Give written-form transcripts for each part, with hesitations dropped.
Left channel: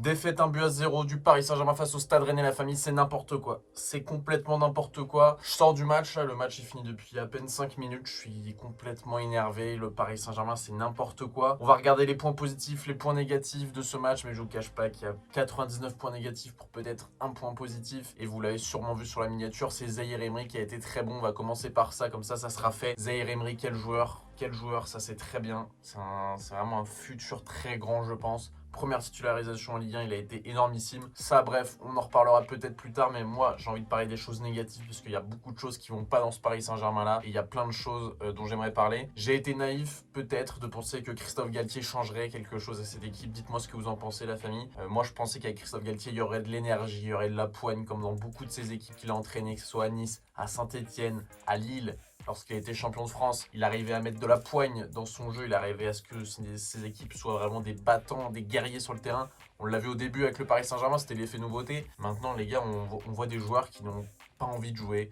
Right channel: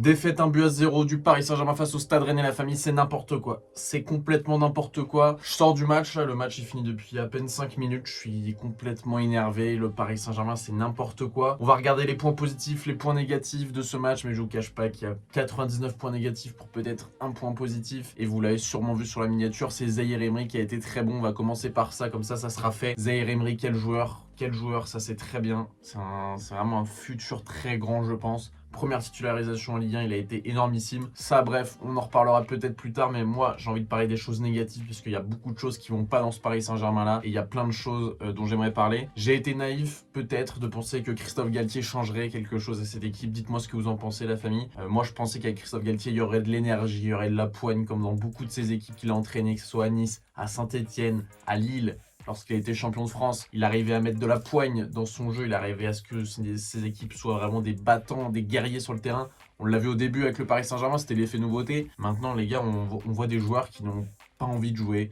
Défaite 1-0 du Paris Saint-Germain face au Stade Rennais, la famille, c'est n'importe quoi. C'est complètement n'importe quoi. Je sors du match, là, le match est fini depuis à peine 5 minutes. Je suis complètement énervé. Le Paris Saint-Germain, c'est n'importe quoi. On va regarder les points positifs, les points négatifs de ce match, mais je vous cache pas qu'il y a 99 points négatifs pour peut-être un point positif. Et vous l'avez sûrement vu sur la miniature, c'est Zaïre Emery qui a été très bon. On va commencer par ça, comme ça sera fait. Zaïre Emery, quel joueur, ça c'est très bien. C'est vraiment un futur très grand, je pense. Première titularisation en Ligue 1, il a été énormissime. Ça, bref, on en reparlera peut-être plus tard, mais moi, j'ai envie de parler des choses négatives, parce qu'il y a beaucoup de choses qui vont pas dans ce Paris Saint-Germain-là, et il y a plein de choses dont j'aimerais parler. J'ai été naïf, peut-être, de penser que Christophe Galtier changerait quelque chose à cette équipe. Dites-moi ce que vous en pensez, la famille. Moi, je pensais qu'avec Christophe Galtier, il y aurait de l'énergie, il y aurait de la poigne, comme dans beaucoup de ces équipes qu'il a entraînées, que ce soit à Nice, à Saint-Etienne, à Lille. Lorsqu'il a été champion de France, il arrivait à mettre de la poigne dans son jeu, il arrivait à ce que ses équipes soient vraiment des battants, des guerriers sur le terrain. On l'a vu au début avec le Paris Saint-Germain, c'était l'effet nouveauté. Maintenant, les gars, on voit des joueurs qui n'ont pas envie de jouer.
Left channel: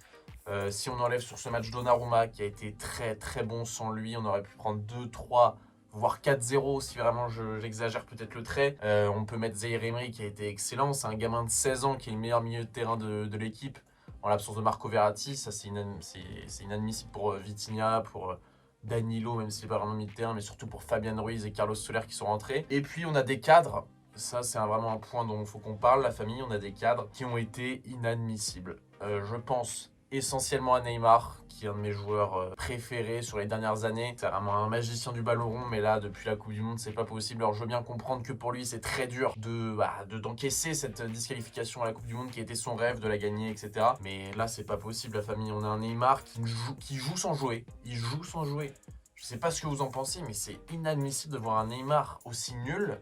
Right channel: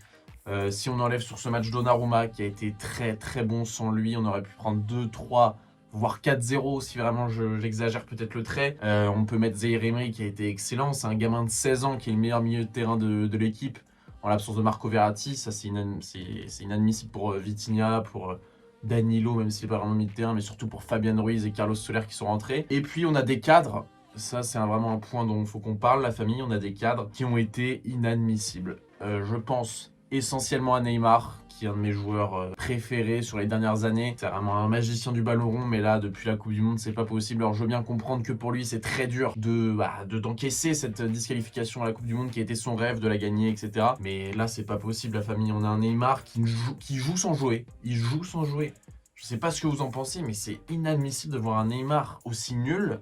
Si on enlève sur ce match Donnarumma, qui a été très très bon sans lui, on aurait pu prendre 2, 3, voire 4-0 si vraiment j'exagère peut-être le trait. On peut mettre Zaïre Emery qui a été excellent, c'est un gamin de 16 ans qui est le meilleur milieu de terrain de l'équipe. En l'absence de Marco Verratti, ça c'est inadmissible pour Vitinha, pour Danilo, même s'il n'est pas vraiment milieu de terrain, mais surtout pour Fabian Ruiz et Carlos Soler qui sont rentrés. Et puis on a des cadres, ça c'est vraiment un point dont il faut qu'on parle, la famille, on a des cadres qui ont été inadmissibles. Je pense essentiellement à Neymar, qui est un de mes joueurs préférés sur les dernières années. C'est vraiment un magicien du ballon rond, mais là, depuis la Coupe du Monde, c'est pas possible. Alors, je veux bien comprendre que pour lui, c'est très dur d'encaisser cette disqualification à la Coupe du Monde qui a été son rêve, de la gagner, etc. Mais là, c'est pas possible, la famille. On a un Neymar qui joue sans jouer. Il joue sans jouer. Je sais pas ce que vous en pensez, mais c'est inadmissible de voir un Neymar aussi nul.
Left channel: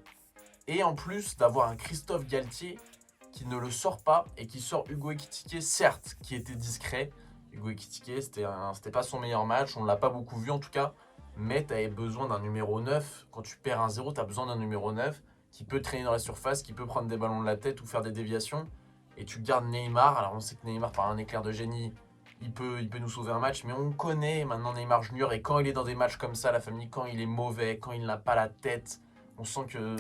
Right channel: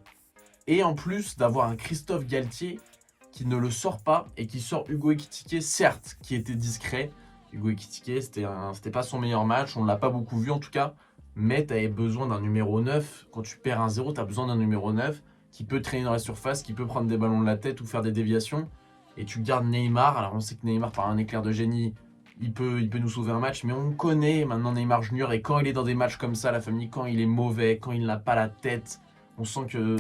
Et en plus, d'avoir un Christophe Galtier qui ne le sort pas et qui sort Hugo Ekitike, certes, qui était discret. Hugo Ekitike, c'était pas son meilleur match, on ne l'a pas beaucoup vu en tout cas, mais tu avais besoin d'un numéro 9. Quand tu perds 1-0, tu as besoin d'un numéro 9 qui peut traîner dans la surface, qui peut prendre des ballons de la tête ou faire des déviations. Et tu gardes Neymar. Alors on sait que Neymar, par un éclair de génie, il peut nous sauver un match, mais on connaît maintenant Neymar Junior, et quand il est dans des matchs comme ça, la famille, quand il est mauvais, quand il n'a pas la tête, on sent que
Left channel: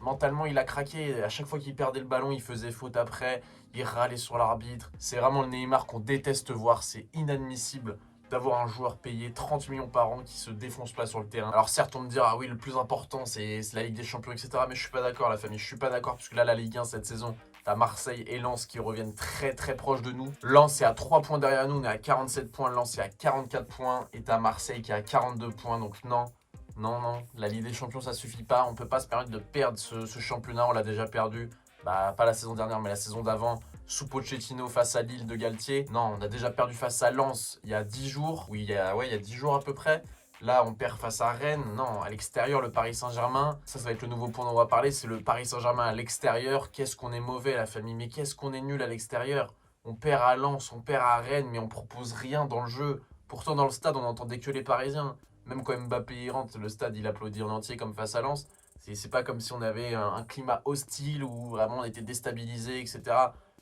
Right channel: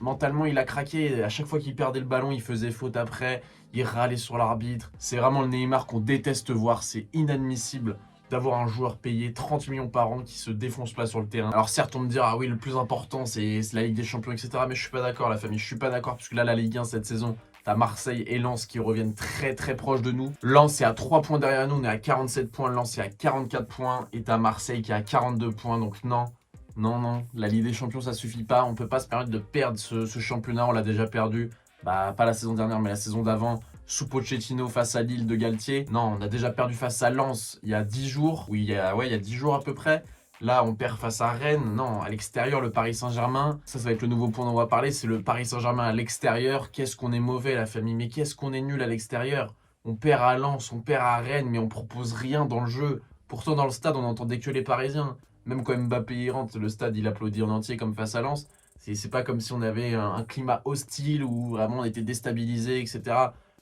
mentalement, il a craqué. À chaque fois qu'il perdait le ballon, il faisait faute après. Il râlait sur l'arbitre. C'est vraiment le Neymar qu'on déteste voir. C'est inadmissible d'avoir un joueur payé 30 millions par an qui se défonce pas sur le terrain. Alors certes, on me dira, ah oui, le plus important, c'est la Ligue des Champions, etc. Mais je suis pas d'accord, la famille. Je suis pas d'accord, parce que là, la Ligue 1, cette saison, t'as Marseille et Lens qui reviennent très très proches de nous. Lens est à 3 points derrière nous. On est à 47 points. Lens est à 44 points. Et t'as Marseille qui est à 42 points. Donc non. Non, la Ligue des Champions, ça suffit pas. On peut pas se permettre de perdre ce championnat. On l'a déjà perdu. Pas la saison dernière, mais la saison d'avant. Sous Pochettino face à Lille de Galtier. Non, on a déjà perdu face à Lens il y a 10 jours. Oui, il y a 10 jours à peu près. Là, on perd face à Rennes. Non, à l'extérieur, le Paris Saint-Germain. Ça va être le nouveau point dont on va parler. C'est le Paris Saint-Germain à l'extérieur. Qu'est-ce qu'on est mauvais, la famille. Mais qu'est-ce qu'on est nul à l'extérieur. On perd à Lens, on perd à Rennes, mais on propose rien dans le jeu. Pourtant, dans le stade, on n'entendait que les Parisiens. Même quand Mbappé y rentre, le stade, il applaudit en entier comme face à Lens. C'est pas comme si on avait un climat hostile où vraiment on était déstabilisé, etc.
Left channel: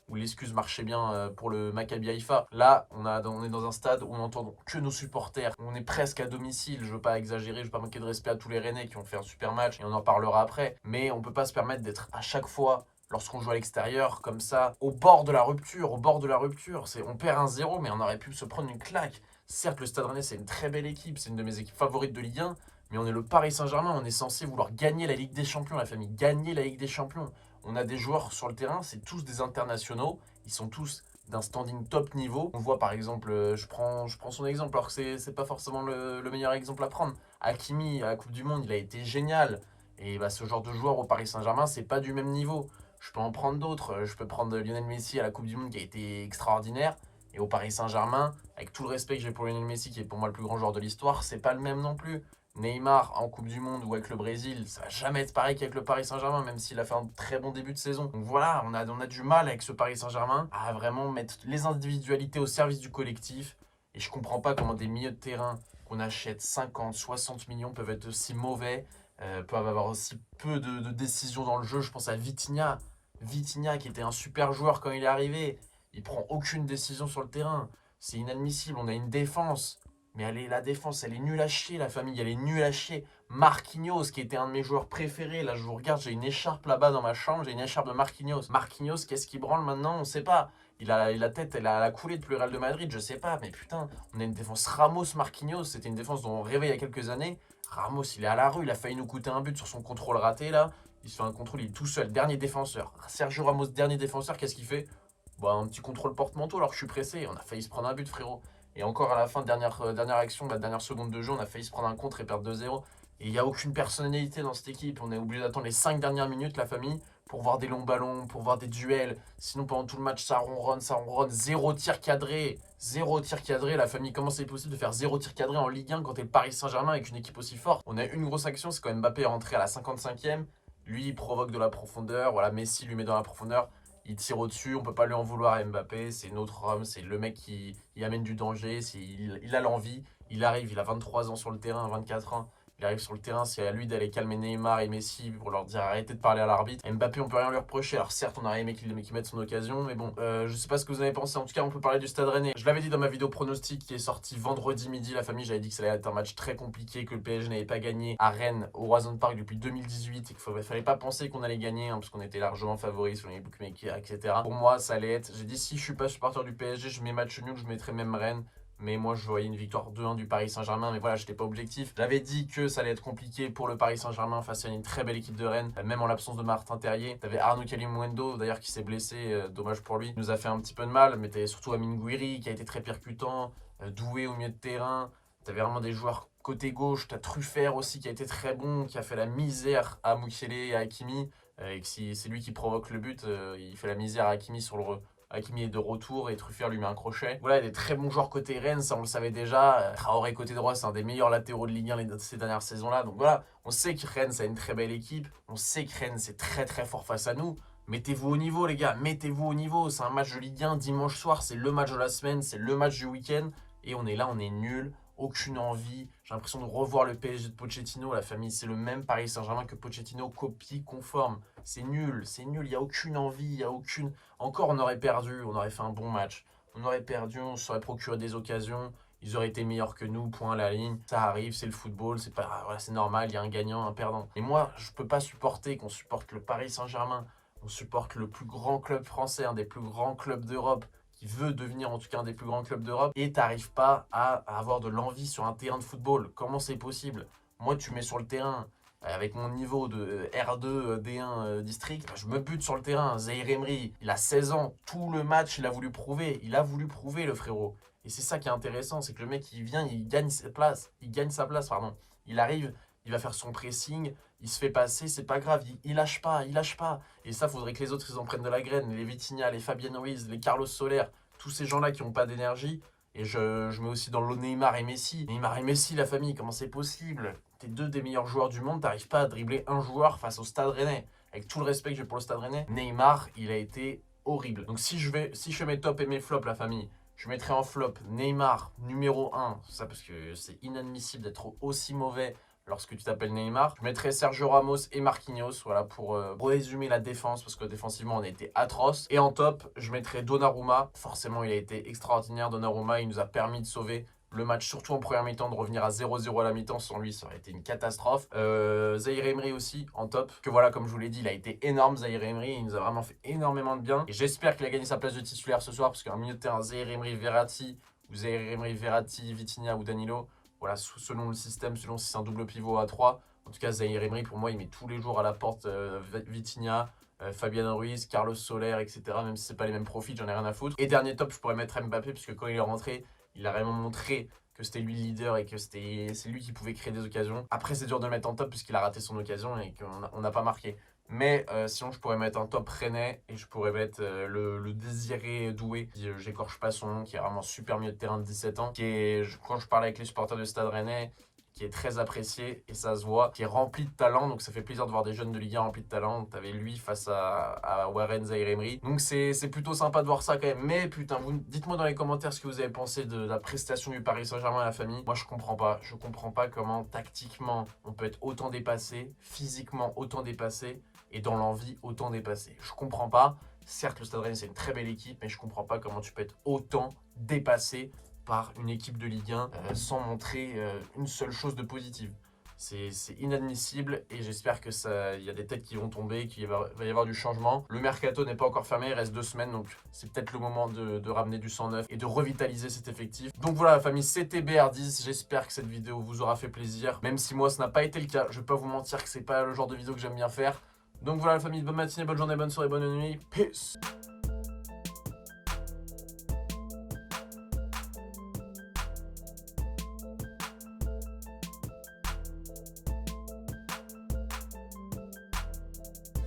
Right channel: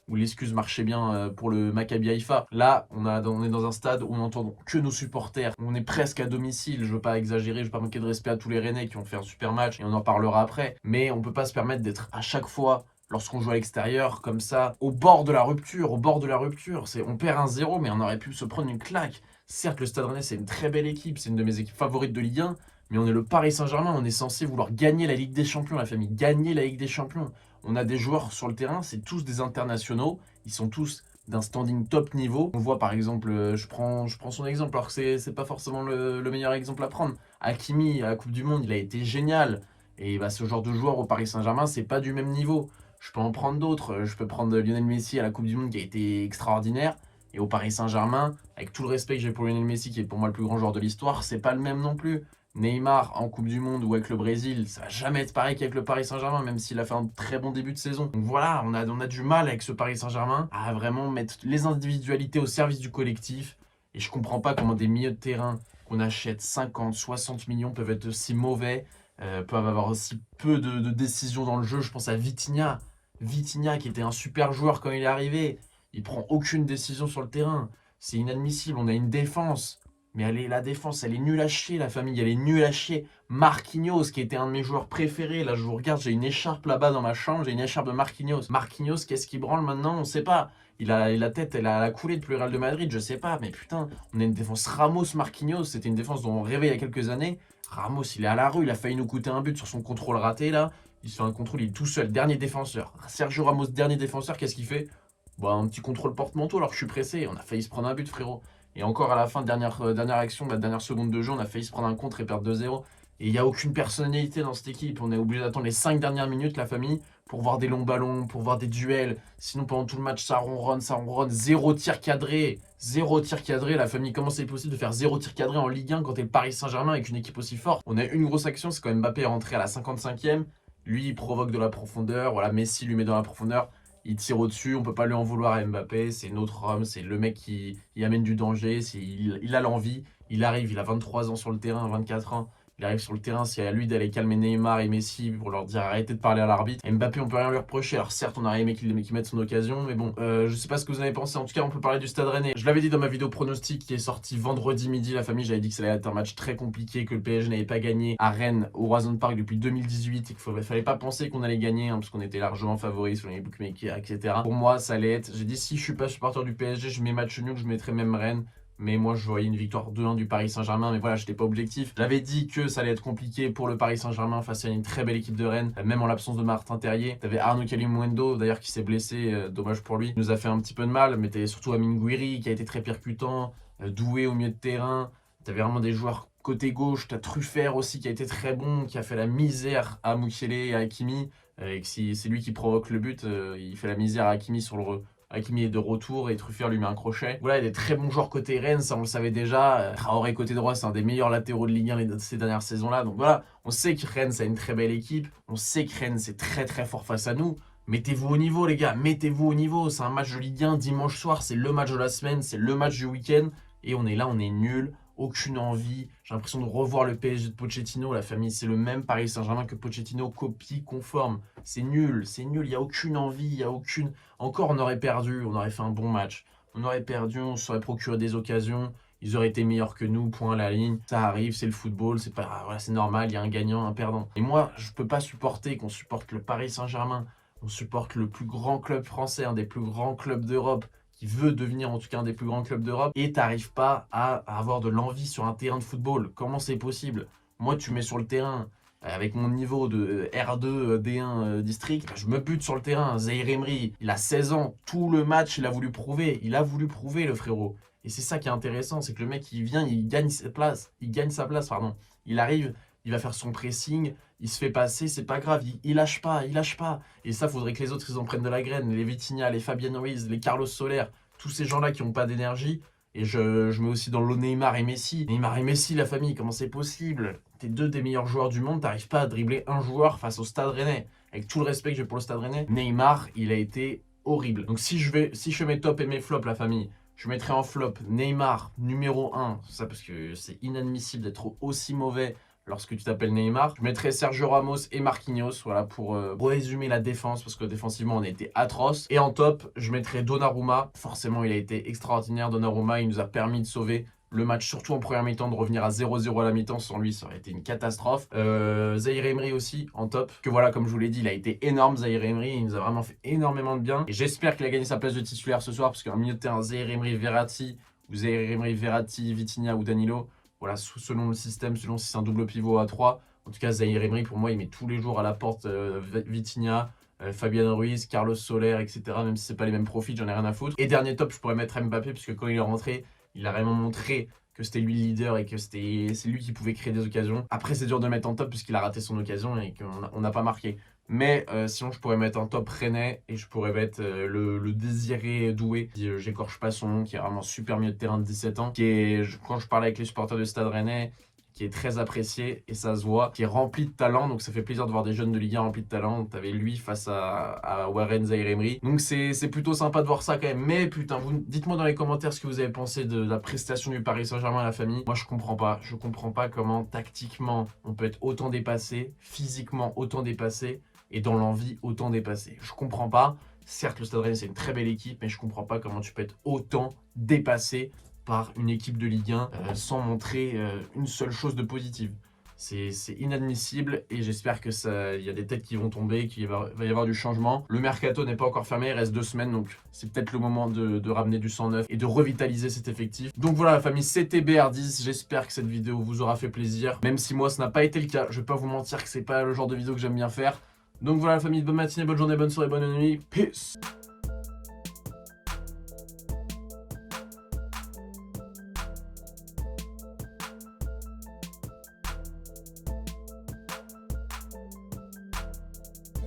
Où l'excuse marchait bien pour le Maccabi Haïfa. Là, on est dans un stade où on n'entend que nos supporters. On est presque à domicile. Je veux pas exagérer, je veux pas manquer de respect à tous les Rennais qui ont fait un super match, et on en parlera après. Mais on peut pas se permettre d'être à chaque fois, lorsqu'on joue à l'extérieur, comme ça, au bord de la rupture, On perd 1-0, mais on aurait pu se prendre une claque. Certes, le Stade Rennais, c'est une très belle équipe, c'est une de mes équipes favorites de Ligue 1, mais on est le Paris Saint-Germain, on est censé vouloir gagner la Ligue des Champions, la famille, gagner la Ligue des Champions. On a des joueurs sur le terrain, c'est tous des internationaux, ils sont tous d'un standing top niveau. On voit par exemple, je prends son exemple, alors que c'est pas forcément le meilleur exemple à prendre. Hakimi, à la Coupe du Monde, il a été génial. Et ce genre de joueur au Paris Saint-Germain, c'est pas du même niveau. Je peux en prendre d'autres. Je peux prendre Lionel Messi à la Coupe du Monde qui a été extraordinaire. Et au Paris Saint-Germain, avec tout le respect que j'ai pour Lionel Messi, qui est pour moi le plus grand joueur de l'histoire, c'est pas le même non plus. Neymar en Coupe du Monde ou avec le Brésil, ça va jamais être pareil qu'avec le Paris Saint-Germain, même s'il a fait un très bon début de saison. Donc voilà, on a du mal avec ce Paris Saint-Germain à vraiment mettre les individualités au service du collectif. Et je comprends pas comment des milieux de terrain qu'on achète 50, 60 millions peuvent être aussi mauvais, peuvent avoir aussi peu de décisions dans le jeu. Je pense à Vitinha. Vitinha qui était un super joueur quand il est arrivé. Il prend aucune décision sur le terrain. C'est inadmissible. On a une défense. Mais la défense, elle est nulle à chier, la famille, elle est nulle à chier. Marquinhos, qui était un de mes joueurs préférés, là je vous regarde, j'ai une écharpe là-bas dans ma chambre, j'ai une écharpe de Marquinhos. Marquinhos, qu'est-ce qu'il branle maintenant? On sait pas. Il a la tête, elle a la coulée depuis le Real de Madrid, je sais pas, mais putain, on a une défense Ramos-Marquinhos, c'était une défense dont on rêvait il y a quelques années. Ramos, il est à la rue, il a failli nous coûter un but sur son contrôle raté là. Il se fait un contrôle, il est tout seul, dernier défenseur. Sergio Ramos, dernier défenseur, qu'est-ce qu'il fait? Bah, un petit contrôle porte-manteau alors que je suis pressé, on a failli se prendre un but, frérot. Et encore à la fin, dernière action, la dernière seconde de jeu, on a failli se prendre un contre et perdre 2-0. Et il n'y a aucune personnalité dans cette équipe. On est obligé d'attendre les 5 dernières minutes, la famille, pour voir des longs ballons, pour voir des duels. Sinon, pendant tout le match, ça ronronne, ça ronronne. Zéro tir cadré. Zéro tir cadré. La famille, comment c'est possible de faire zéro tir cadré en Ligue 1 quand t'es le Paris Saint-Germain avec une équipe aussi forte? On a une grosse action, c'est quand Mbappé est rentré à la 55e. Lui, il provoque de la profondeur. Voilà, Messi lui met dans la profondeur. Il tire au-dessus, on peut pas lui en vouloir à Mbappé, c'est notre homme, c'est le mec qui amène du danger, il a l'envie, il arrive, il a 23 ans sur le terrain, 24 ans, il arrive sur le terrain, c'est à lui d'aller calmer Neymar et Messi pour leur dire arrêtez de parler à l'arbitre. Mbappé, on peut rien lui reprocher, alors certes on aurait aimé qu'il mette son occasion, mais bon, je sais pas ce que vous en avez pensé, en tout cas on peut parler du Stade Rennais. Je l'avais dit dans ma vidéo pronostic qui est sortie vendredi midi, la famille, j'avais dit que ça allait être un match très compliqué, que le PSG n'avait pas gagné à Rennes, au Horizon Park depuis 2018, et qu'il fallait pas penser qu'on allait gagner, hein, parce qu'on était largement favoris sur les bookmakers, etc. Pour moi, ça allait être, j'ai dit si je suis pas supporter du PSG, je mets match nul, je mettrais même Rennes. Mais moi, je voyais une victoire 2-1 du Paris Saint-Germain. Mais voilà, je n'étais pas objectif. J'avais dit que ça allait être compliqué pour le Paris Saint-Germain face à une très belle équipe de Rennes, même en l'absence de Martin Terrier. T'avais Arnaud Kalimuendo, d'ailleurs, qui s'est blessé. Dommage pour lui. Il nous a fait un petit peu de mal. Mais t'avais surtout Amine Gouiri, qui a été très percutant. Doué au milieu de terrain. T'avais vraiment des joueurs côté gauche. T'as Truffert aussi, qui a été très bon, qui a fait la misère à Mukiele et à Hakimi. Et que si c'est lui qui provoque le but, il fait la misère à Hakimi sur le Hakimi est de retour et Truffert lui met un crochet. Voilà, il y a des très bons joueurs côté Rennes, ça on le savait déjà. Traoré côté droit, c'est un des meilleurs latéraux de Ligue 1 ces dernières saisons-là. Donc voilà, on sait que Rennes, c'est une très belle équipe. On sait que Rennes, c'est très très fort face à nous. Mettez-vous au niveau, les gars, mettez-vous au niveau. C'est un match de Ligue 1 dimanche soir, c'est le match de la semaine, c'est le match du week-end. Et on est là, on est nul, aucune envie. J'ai l'impression de revoir le PSG de Pochettino. La famille, c'est le même Paris Saint-Germain que Pochettino, copie conforme. C'est nul, il n'y a aucune envie, il n'y a aucune... Encore, on aurait perdu, on aurait fait un bon match. On aurait perdu, on se serait procuré des occasions. Ils auraient été meilleurs que nous, point à la ligne. Ça arrive, c'est le football, c'est pas, voilà, c'est normal, il y a un gagnant, un perdant. Et moi, je peux pas supporter qu'on supporte le Paris Saint-Germain. On supporte le plus grand club français, un des plus grands clubs d'Europe, qui veut devenir en tout cas un des plus grands clubs d'Europe, et t'arrives pas à avoir de l'envie sur un terrain de football. Comment c'est possible? Moi, tu mets sur le terrain, avec mon niveau de R2 D1 district, je me bute sur le terrain. Zaïre Emery, il a 16 ans, tout le match, il a voulu prouver. Il a voulu prouver, le frérot. Et c'est ça qui est intéressant, c'est que le mec, il vient, il gagne sa place. Il gagne sa place, pardon. Il arrive, il va faire son pressing, il se fait passer, c'est pas grave, il lâche pas, il lâche pas. Et ça, faudrait que les autres, ils en prennent de la graine. Les Vitinha, les Fabian Ruiz, les Carlos Soler, tous ces gens-là qui n'ont pas d'énergie. Et je mets aussi dans l'eau Neymar et Messi. Neymar et Messi, la famille, comment c'est possible? T'es deux des meilleurs joueurs du monde, t'arrives pas à dribbler un joueur face au Stade Rennais. Avec tout le respect que j'ai pour le Stade Rennais, Neymar, il a été horrible. Donc si je fais mes tops et mes flops, la famille, je mettrai en flop Neymar, numéro 1. Ça parce que c'est inadmissible d'être aussi mauvais lorsque tu t'appelles Neymar. Je mettrai Sergio Ramos et Marquinhos, voilà, pour résumer la défense, parce que défensivement, on a été atroce. Et en top, je mettrai Donnarumma. Forcément, il a été extraordinaire, Donnarumma. Il nous a permis de sauver le match, surtout en première mi-temps, de revenir à 0-0 à la mi-temps. Sans lui, ça aurait été une catastrophe. Zaïre Emery aussi, en top. Que voilà, comme je vous l'ai dit, il a été énorme, Zaïre Emery. Il nous a vraiment fait énormément de bien. Et j'espère qu'il a gagné sa place de titulaire ce soir, parce qu'en milieu de terrain, Zaïre Emery, Verratti, ou Zaïre Emery, Verratti, Vitinha ou Danilo. Voilà, selon le système, selon si c'est un double pivot à 3. En tout cas, Zaïre Emery, pour moi, il met tous les jours à la porte Vitinha, Fabian Ruiz, Carlos Soler, etc. Même si c'est pas les mêmes profils, j'en ai rien à foutre. Et dernier top, je pourrais mettre Mbappé, puisque quand il est rentré, il a vraiment montré que c'était lui le leader et que c'est lui qui pouvait créer des occasions. Après, c'est dur de mettre en top puisqu'il a raté son occasion et qu'on n'a pas marqué. Mais sinon, je pourrais mettre un top Rennais et je pourrais mettre le Désiré Doué, j'écorche pas son nom, qui est vraiment super milieu de terrain de 17 ans, qui est, quand je parlais avec les supporters du Stade Rennais, qui est très apprécié et ça se voit, qui est rempli de talent. Donc ça fait plaisir de voir des jeunes de Ligue 1 remplis de talent. T'avais lui face à Warren Zaïre Emery. Donc c'est plutôt sympa de voir ça quand même. Mais putain, dites-moi dans les commentaires ce que vous avez pensé de la prestation du Paris Saint-Germain à la famille. Moi je comprends pas. Je comprends pas comment tactiquement on peut être autant dépassé, physiquement autant dépassé et dans l'envie autant dépassé. Je comprends pas. Certes, le Stade Rennais c'est une très belle équipe, mais je comprends pas comment tu peux être autant dépassé par une équipe de Ligue 1 sans montrer une seule chose de positive. C'est inadmissible et j'espère que il y a des têtes qui vont tomber, qu'il va y avoir du changement. Le mercato n'est pas encore fermé, il reste 2 semaines, donc c'est peut-être le moment de ramener du sang neuf et de revitaliser cet effectif. Donc voilà la famille, c'était BR10, j'espère que cette vidéo vous aura fait plaisir, même si moi ça n'a pas été le cas. Je vais pas vous mentir que c'est pas le genre de vidéo que j'aime bien faire. Donc voilà la famille, bonne matinée, bonne journée, bonne soirée, bonne nuit, peace.